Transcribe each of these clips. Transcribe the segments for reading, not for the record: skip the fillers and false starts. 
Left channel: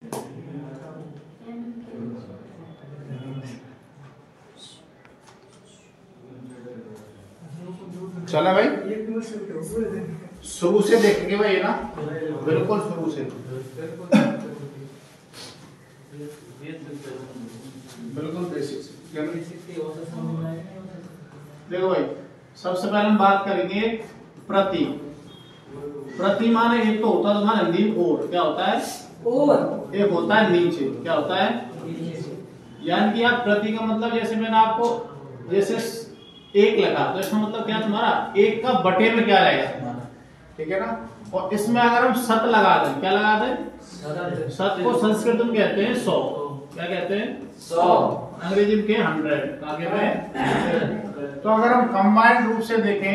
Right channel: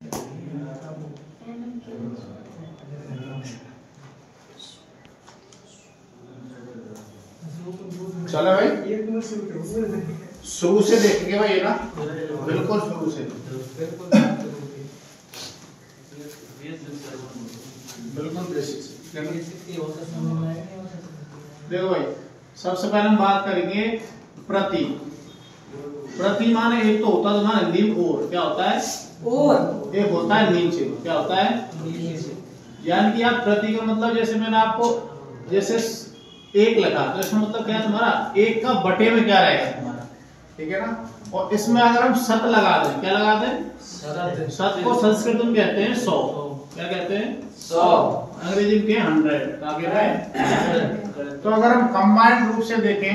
चले भाई, शुरू से देखेंगे भाई, है ना, बिल्कुल शुरू से, बिल्कुल बेसिक से। देखो भाई, सबसे पहले हम बात करेंगे प्रति। प्रति माने एक तो होता है तुम्हारा हिंदी में और, क्या होता है और, एक होता है नीचे, क्या होता है नीचे। यानी कि आप प्रति का मतलब, जैसे मैंने आपको जैसे एक लगा तो इसका मतलब क्या है तुम्हारा, एक का बटे में क्या रहेगा तुम्हारा, ठीक है ना। और इसमें अगर हम शत लगा दें, क्या लगा दें, शत को संस्कृत में कहते हैं 100, क्या कहते हैं 100, अंग्रेजी में 100, क्या कहते हैं। तो अगर हम कंबाइंड रूप से देखें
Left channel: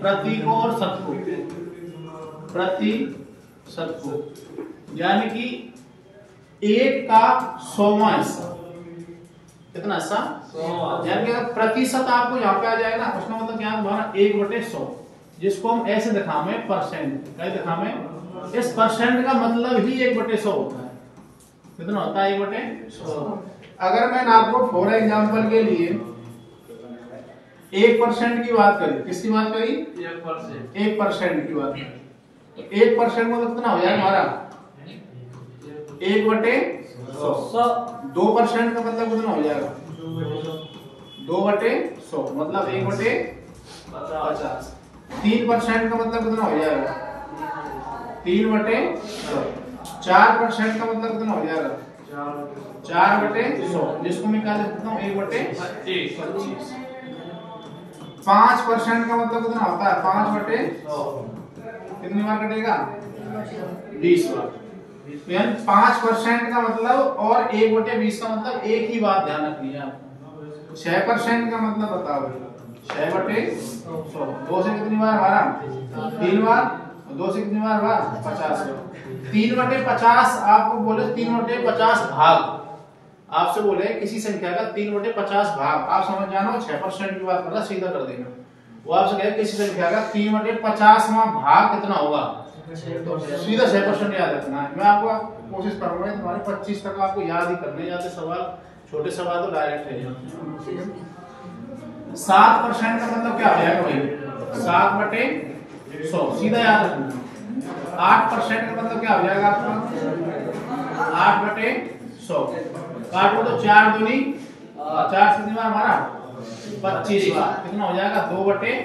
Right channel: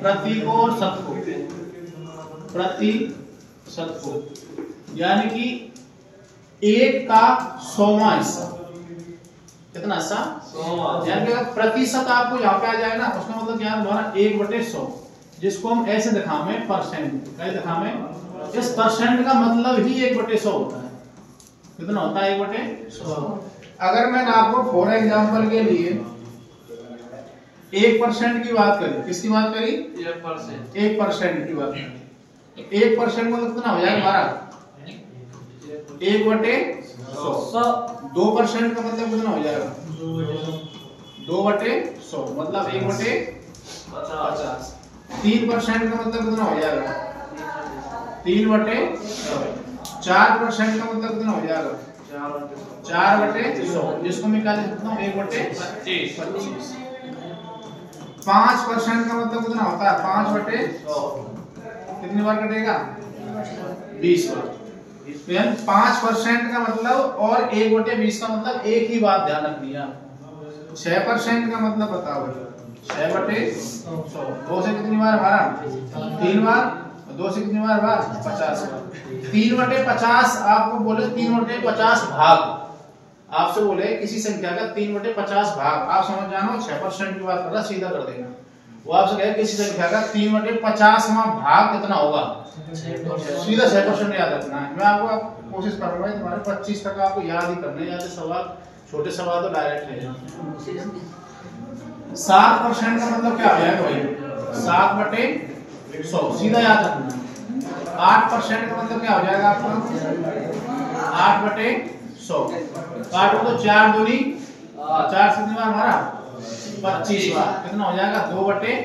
प्रति को और शत को, प्रति शत को, यानी कि एक का 100वां हिस्सा, कितना हिस्सा, यानी कि अगर प्रतिशत आपको यहाँ पे आ जाए ना, उसका मतलब क्या है तुम्हारा 1/100, जिसको हम ऐसे दिखावे परसेंट, क्या दिखावे, इस परसेंट का मतलब ही 1/100 होता है। कितना होता है 1/100। अगर मैंने आपको फॉर एग्जांपल के लिए 1% की बात करी, किसकी बात करी, 1% की बात करी, 1% मतलब कितना हो जाएगा हमारा 1/100। 2% का मतलब कितना हो जाएगा 2/100, मतलब 1/50। 3% का मतलब कितना हो जाएगा 3/100। 4% का मतलब कितना हो जाएगा 4/100, जिसको मैं निकाल सकता हूँ 1/25। 5% का मतलब कितना होता है 5/100, कितनी बार कटेगा 20 बार। तो यानी 5% का मतलब और 1/20 का मतलब एक ही बात ध्यान रखनी है आपको। 6% का मतलब बताओ, 6/100, 2 से कितनी बार हमारा 3 बार, 2 से कितनी बार 50 बार। 3/50 आपको बोले 3/50 भाग, आपसे बोले किसी संख्या का 3/50 भाग, आप समझ जानो 6% की बात कर रहा, सीधा कर देना। वो आपसे कहे किसी संख्या का 3/50वां भाग कितना होगा, सीधा 6% याद रखना है। मैं आपको कोशिश करूंगा तुम्हारे 25 तक आपको याद ही करने, जाते सवाल छोटे सवाल तो डायरेक्ट है। 7% का मतलब क्या हो जाएगा भाई 7/100, सीधा याद रखना। 8% का मतलब क्या हो जाएगा आपका 8/100। काटो तो 4 दूनी 4 से कितनी बार हमारा 25 बार, कितना हो जाएगा 2/25।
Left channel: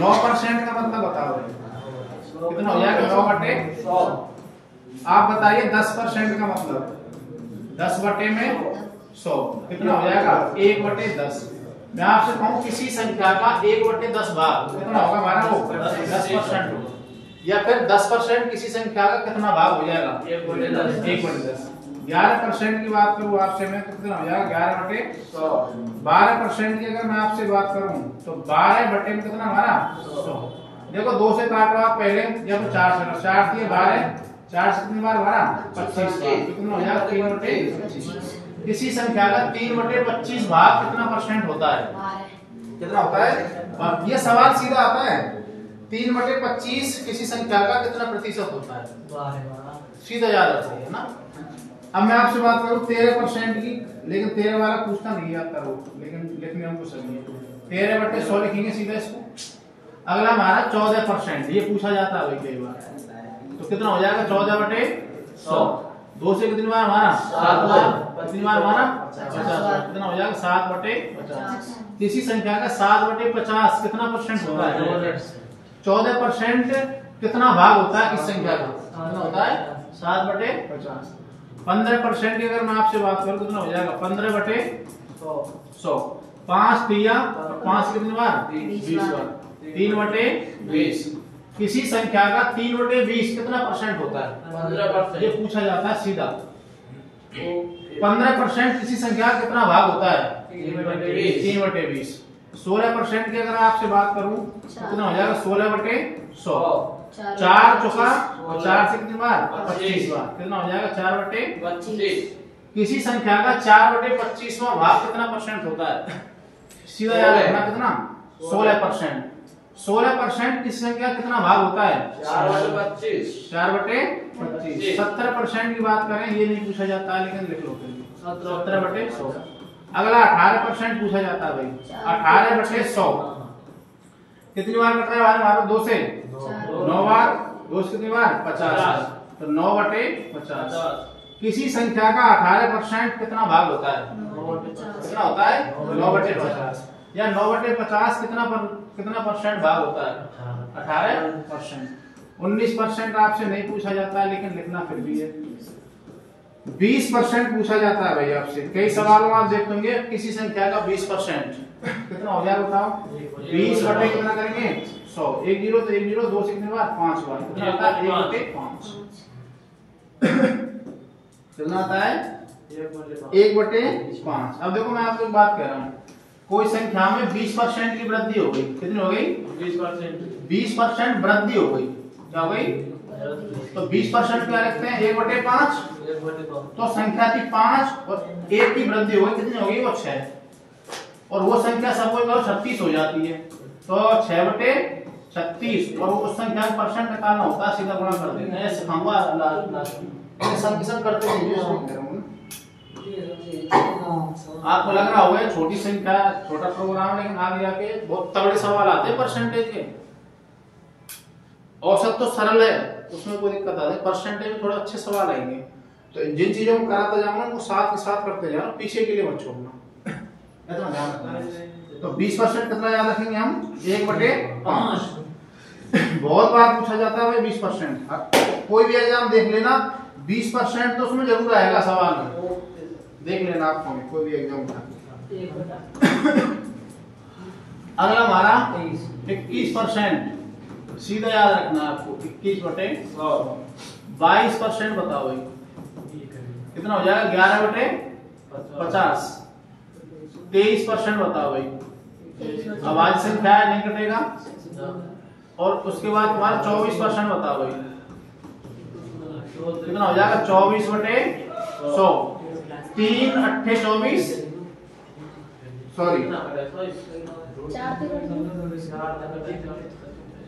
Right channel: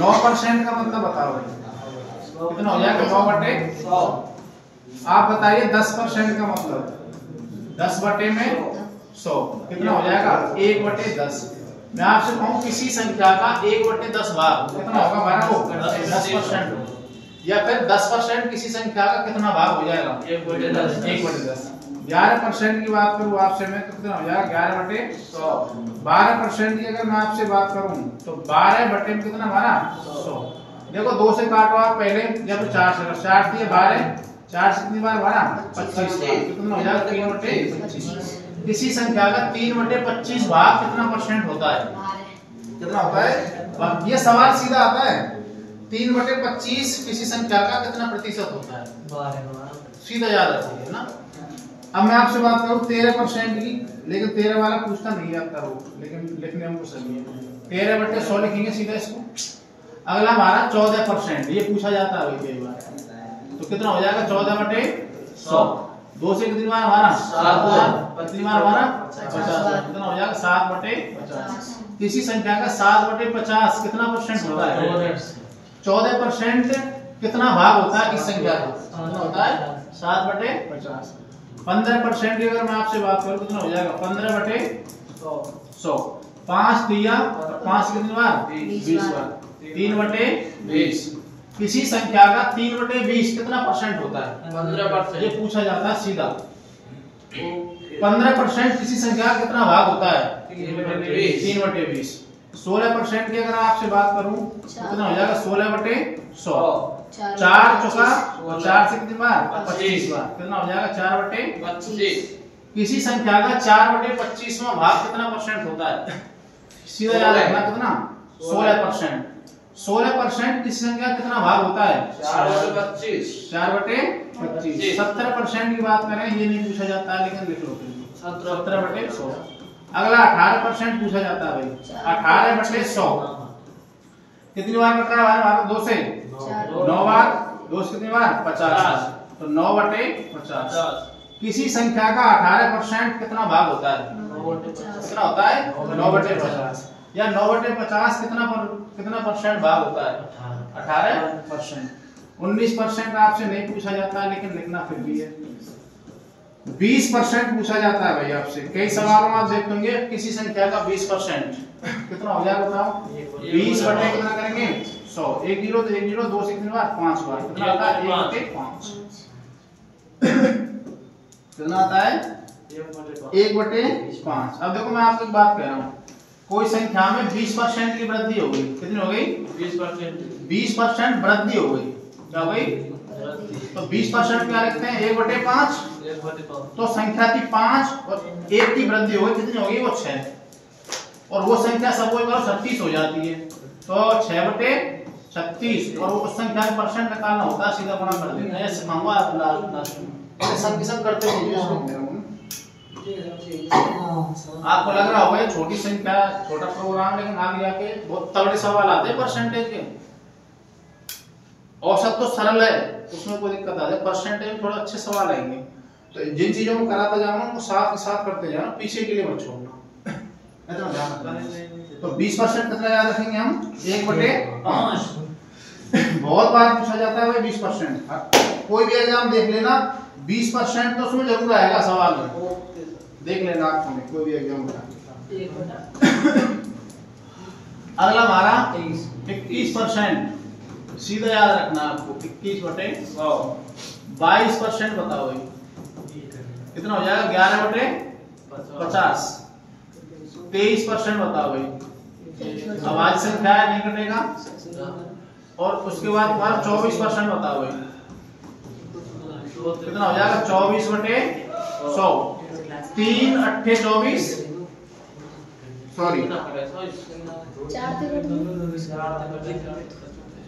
9% का मतलब बताओ कितना हो जाएगा 9/100। आप बताइए 10% का मतलब 10/100 कितना हो जाएगा 1/10। मैं आपसे कहूं किसी संख्या का 1/10 भाग कितना होगा हमारा वो 10%, या फिर 10% किसी संख्या का कितना भाग हो जाएगा 1/10। 11% की बात करूं आपसे मैं तो कितना हो जाएगा 11/100। 12% की अगर मैं आपसे बात करूं तो 12 में कितना हमारा 100। देखो 2 से काटो आप पहले, जब 4 से 4 दिए 12, 4 से कितनी बार 25 बार, कितना हो जाएगा 3/25। किसी संख्या का 3/25 भाग कितना परसेंट होता है, कितना होता है, ये सवाल सीधा आता है 3/25 किसी संख्या का कितना प्रतिशत होता है, सीधा याद रखो, है ना। अब मैं आपसे बात करूं 13% की, लेकिन 13 वाला पूछता नहीं आता वो, लेकिन लिखने हमको सही है 13/100 लिखेंगे सीधा इसको। अगला हमारा 14%, ये पूछा जाता है कई बार, तो कितना हो जाएगा 14/100। 2 से कितनी बार हमारा 7 बार, कितनी बार हमारा 50 बार, कितना हो जाएगा 7/50। किसी संख्या का 7/50 कितना परसेंट होता है 14% कितना भाग होता है इस संख्या का, कितना होता है 7/50। 15% की अगर मैं आपसे बात करूं कितना हो जाएगा 15/100। 5 दिया, 5 कितनी बार 20 बार, 3/20। किसी संख्या का 3/20 कितना परसेंट होता है 15%, ये पूछा जाता है सीधा। 15% किसी संख्या का कितना भाग होता है 3/20। 16% की अगर आपसे बात करूं तो कितना हो जाएगा 16/100। 4 चौका और 4 से कितनी बार 25 बार, कितना हो जाएगा 4/25। किसी संख्या का 4/25वां भाग कितना परसेंट होता है, सीधा याद रखना कितना 16%। 16% किसी संख्या कितना भाग होता है? 4/25। 4/25। 70% की बात करें ये नहीं पूछा जाता है, लेकिन लिख लो फिर भी 17/100। अगला 18% पूछा जाता है भाई। 18/100 कितनी बार कट रहा है हमारा? 2 से 9 बार। 2 से कितनी बार? 50। तो 9/50। किसी संख्या का 18% कितना भाग होता है? कितना होता है? 9/50। या 9/50 कितना परसेंट भाग होता है? 18%। 19% आपसे नहीं पूछा जाता है, लेकिन लिखना फिर भी है। 20% पूछा जाता है भाई आपसे। कई सवालों में आप देखेंगे किसी संख्या का 20% कितना हो जाएगा बताओ? 20 बटे कितना करेंगे? 100। 1 0 तो 1 0, 2 से कितनी बार? 5 बार। कितना आता है? 1/5। कितना आता है? 1/5। अब देखो मैं आपको एक बात कह रहा हूँ, कोई संख्या में 20% की वृद्धि हो गई। कितनी हो गई? 20% वृद्धि हो गई। क्या हो गई? तो 20% क्या लिखते हैं? 1/5। तो संख्या थी 5 और 1 की वृद्धि हो गई। कितनी हो गई? वो 6। और वो संख्या सब करो 36 हो जाती है। तो 6/36 और उस संख्या का परसेंट निकालना होता है, सीधा गुणा कर देते हैं। सिखाऊंगा लास्ट में। सब की सब करते हैं। आपको लग रहा होगा ये छोटी संख्या, छोटा प्रोग्राम, लेकिन आगे जाके बहुत तगड़े सवाल आते हैं परसेंटेज के। औसत तो सरल है, उसमें कोई दिक्कत आती है, परसेंटेज में थोड़े अच्छे सवाल आएंगे। तो जिन चीजों को कराता जाऊंगा उनको साथ के साथ करते जाना, पीछे के लिए मत छोड़ना। इतना ध्यान रखना। तो 20% कितना याद रखेंगे हम? 1/5। बहुत बार पूछा जाता है भाई 20%। कोई भी एग्जाम देख लेना, 20% तो उसमें जरूर आएगा सवाल में। देख लेना आप कोई भी एग्जाम का। अगला हमारा 21%। सीधा याद रखना आपको। 21/100। 22% बताओ भाई कितना हो जाएगा? 11/50। 23% बताओ भाई। अब आज संख्या है, नहीं कटेगा। और उसके बाद तुम्हारा 24% बताओ भाई कितना हो जाएगा? 24/100। 3 8 24। सॉरी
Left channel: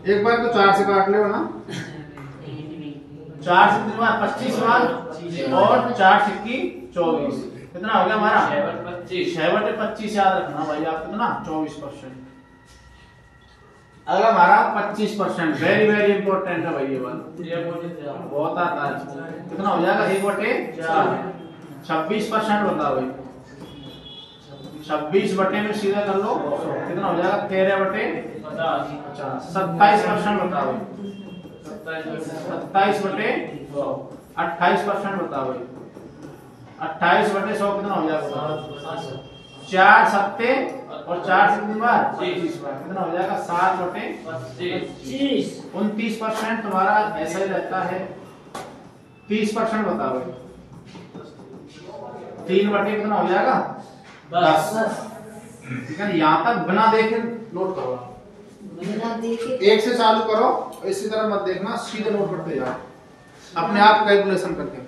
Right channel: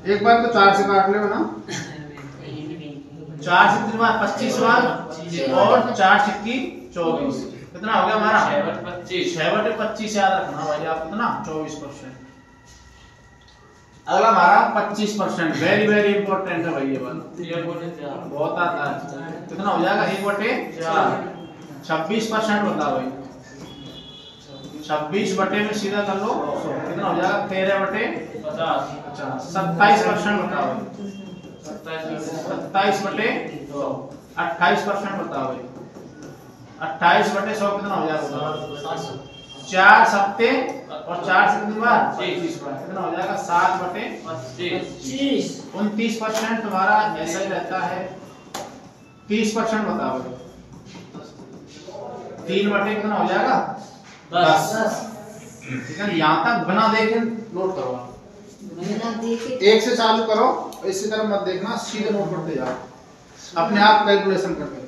एक बार तो 4 से काट लो ना। 4 से कितनी बार? 25 बार। और 4 सिक्की 24। कितना हो गया हमारा? 6/25 याद रखना भाई आप। कितना? 24%। अगला हमारा 25%। वेरी वेरी इंपॉर्टेंट है भाई ये वाला, बहुत आता है। कितना हो जाएगा? 1/4। 26% बताओ भाई। 26 बटे में सीधा कर लो, कितना हो जाएगा? 13/50। 27% बताओ भाई। 27/100। 28% बताओ भाई। 28/100 कितना हो जाएगा बताओ? 4 सत्ते और 4 से कितनी बार? 25 बार। कितना हो जाएगा? 7/25। 29% तुम्हारा ऐसा ही रहता है। 30% बताओ भाई। 3 बटे कितना हो जाएगा? 10। ठीक है, यहाँ तक बिना देखे नोट करो आप। बिना देखे 1 से चालू करो, इसी तरह मत देखना, सीधे नोट करते जाओ अपने आप कैलकुलेशन करके।